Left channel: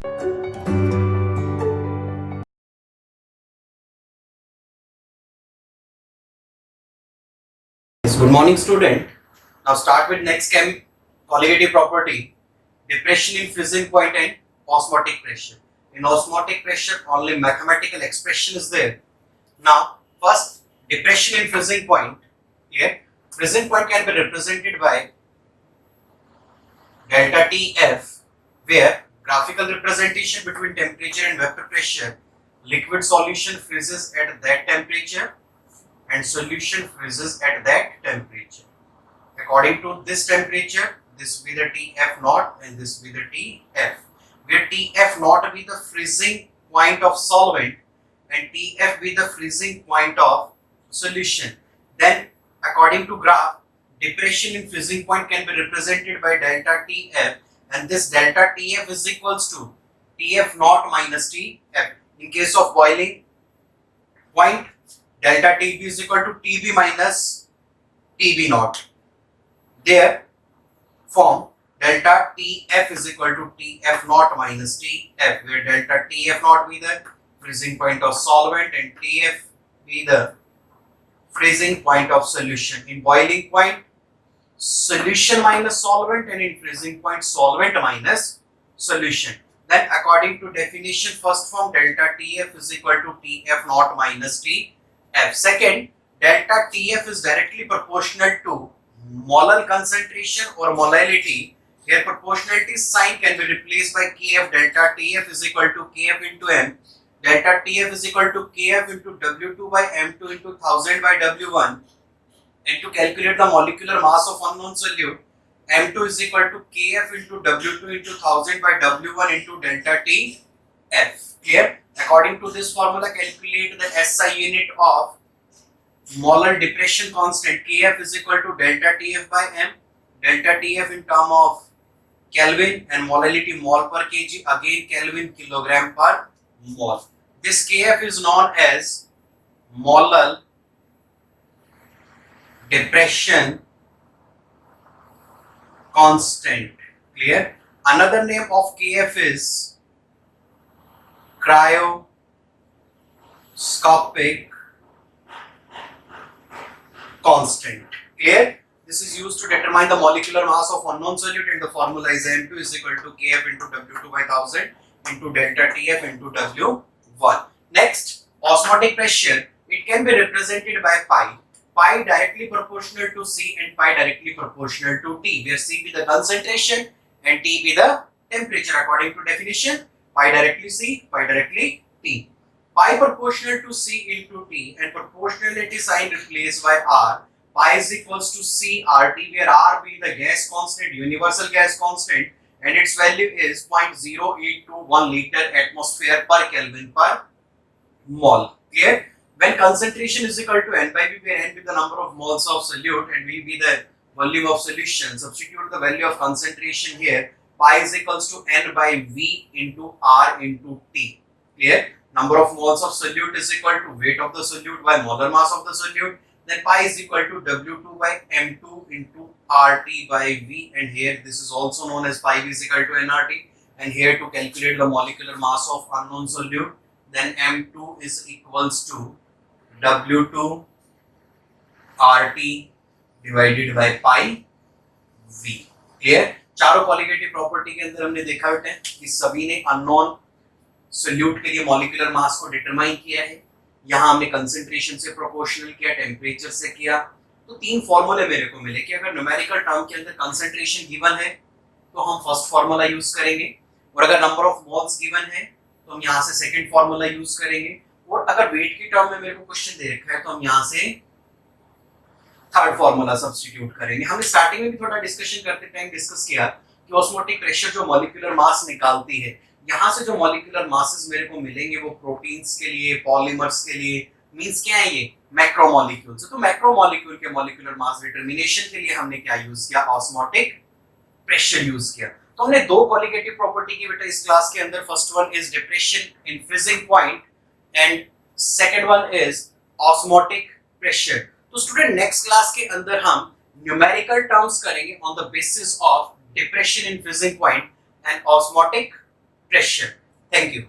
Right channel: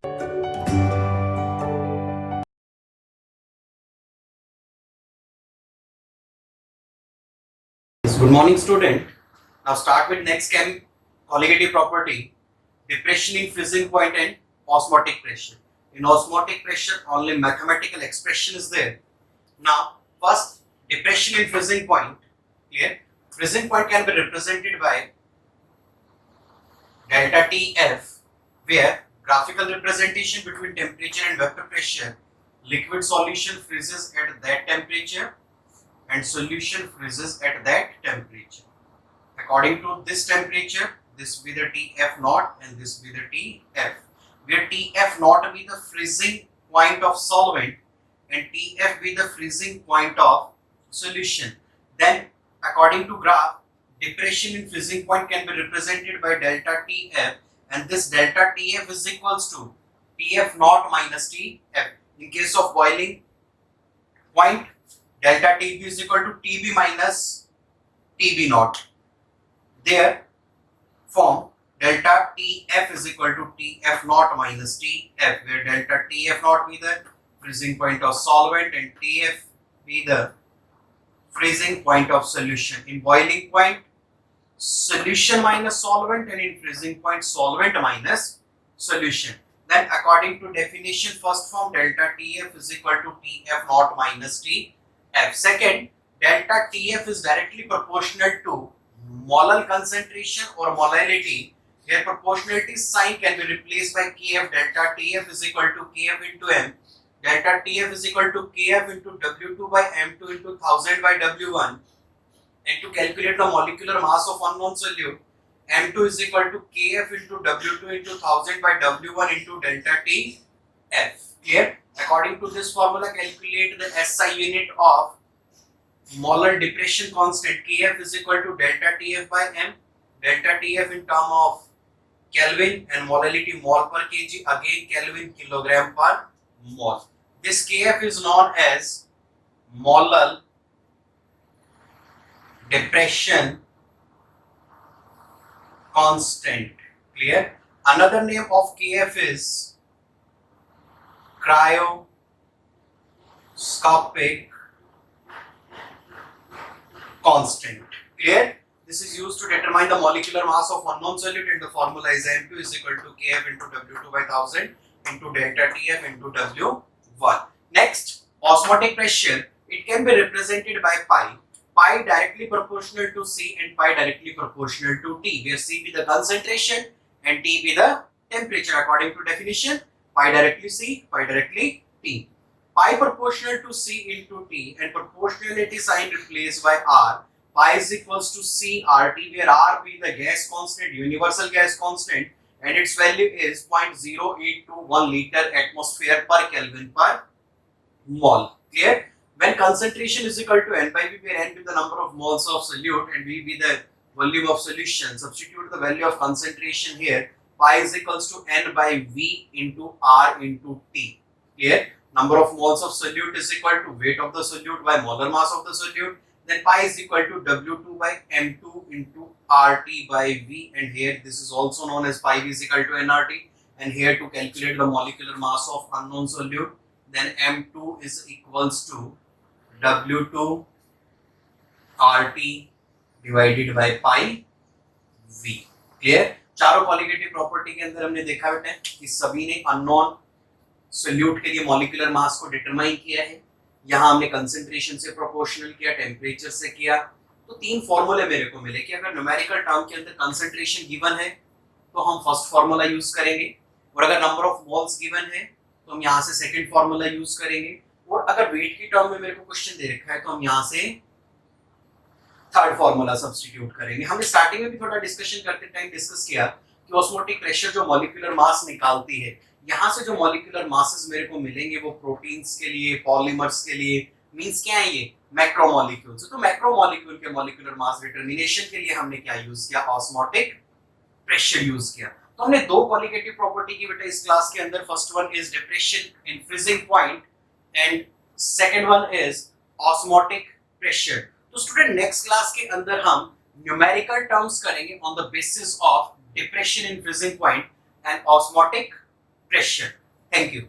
Good morning, student. Now start with next colligative property, depression in freezing point and osmotic pressure. In osmotic pressure, only mathematical expression is there. Now, first, depression in freezing point. Clear? Freezing point can be represented by delta TF, where graphical representation between temperature and vapor pressure. Liquid solution freezes at that temperature and solution freezes at that temperature. According to this temperature, this will be the Tf naught and this will be the Tf, where Tf naught be the freezing point of solvent and Tf be the freezing point of solution. Then according to graph, depression in freezing point can be represented by delta Tf, and this delta Tf is equals to Tf naught minus Tf. In case of boiling point, delta Tb is equal to Tb minus Tb naught. There form delta Tf is equal to Tf naught minus Tf, where delta Tf naught be the freezing point of solvent and Tf be the freezing point of solution. In boiling point, solution minus solvent, and in freezing point, solvent minus solution. Then according to definition, first form delta Tf is equal to Tf naught minus Tf. Second, delta Tf is directly proportional to molar concentration or molality. Here proportionality sign can be replaced by Kf. Delta Tf is equal to Kf into m. Delta Tf is equal to Kf into W2 by M2 into 1000 by W1. And to calculate the molecular mass of unknown solute, M2 is equal to Kf into W2 into 1000 by W1 into delta Tf. Clear? According to this formula, calculate the SI unit of molar depression constant. Kf is equal to delta Tf by m. Delta Tf in term of Kelvin and molality mole per kg, again Kelvin kilogram per mole. This Kf is known as molar depression constant. Clear? Another name of Kf is cryoscopic constant. Clear? This is used to determine the molecular mass of unknown solute, and the formula is M2 is equal to Kf into W2 by 1000 into delta Tf into W1. Next, osmotic pressure. It can be represented by pi. Pi directly proportional to C and pi directly proportional to T, where C be the concentration and T be the temperature. According to definition, pi directly C, pi directly T. Pi proportional to C into T and proportionality sign replaced by R. Pi is equals to C RT, where R be the gas constant, universal gas constant, and its value is 0.0821 liter atmosphere per Kelvin per mole. Clear? When concentration is equal to N by V, where N be the number of moles of solute and V be the volume of solution, substitute the value of concentration here. Pi is equals to N by V into R into T. Clear? Number of moles of solute is equal to weight of the solute by molar mass of the solute. Then pi is equal to W2 by M2 into RT by V, and here this is also known as pi V is equal to nRT. And here to calculate the molecular mass of unknown solute, then M2 is equals to W2 RT divided by pi V. Clear? चारों colligative property के अंदर हमने देखा बेटा कि सभी ने unknown solute के लिए मॉलिक्यूलर मास को डिटरमाइन किया है. यहाँ हमने कंसंट्रेशन से प्रोपोर्शनल किया, टेम्परेचर से किया. तो तीन फॉर्मूले मेरे को मिले कि अगर न्यूमेरिकल टर्म के अंदर कंसंट्रेशन गिवन है तो हम फर्स्ट फार्मूला यूज करेंगे, और अगर नंबर ऑफ मोल्स गिवन है तो हम यहाँ से सेकंड फार्मूला यूज करेंगे, और अगर वेट की टर्म में मेरे को क्वेश्चन दे रखा है तो हम यहाँ से थर्ड फार्मूला सब्स्टिट्यूट करेंगे. हमने स्टार्टिंग में भी थोड़ा डिस्कशन करते टाइम डिस्कस किया कि ऑस्मोटिक प्रेशर जो मॉलिक्यूलर मास निकालती है, यहाँ से जो मॉलिक्यूलर मासेस मेरे को मिलेंगे वो प्रोटीन्स के लिए, पॉलीमर्स के लिए, मींस क्या है ये मैक्रोमोलिक्यूल्स. तो मैक्रोमोलिक्यूल के मॉलिक्यूलर मास डिटरमिनेशन के लिए हमने क्या यूज किया, ऑस्मोटिक प्रेशर यूज किया. तो हमने दो क्वालिटेटिव प्रॉपर्टी की बेटा इस क्लास के अंदर. First one is depression in freezing point and second one is osmotic pressure. तो स्टूडेंट नेक्स्ट क्लास के अंदर हम न्यूमेरिकल टर्म्स करेंगे on the basis of depression in freezing point and osmotic pressure. Thank you.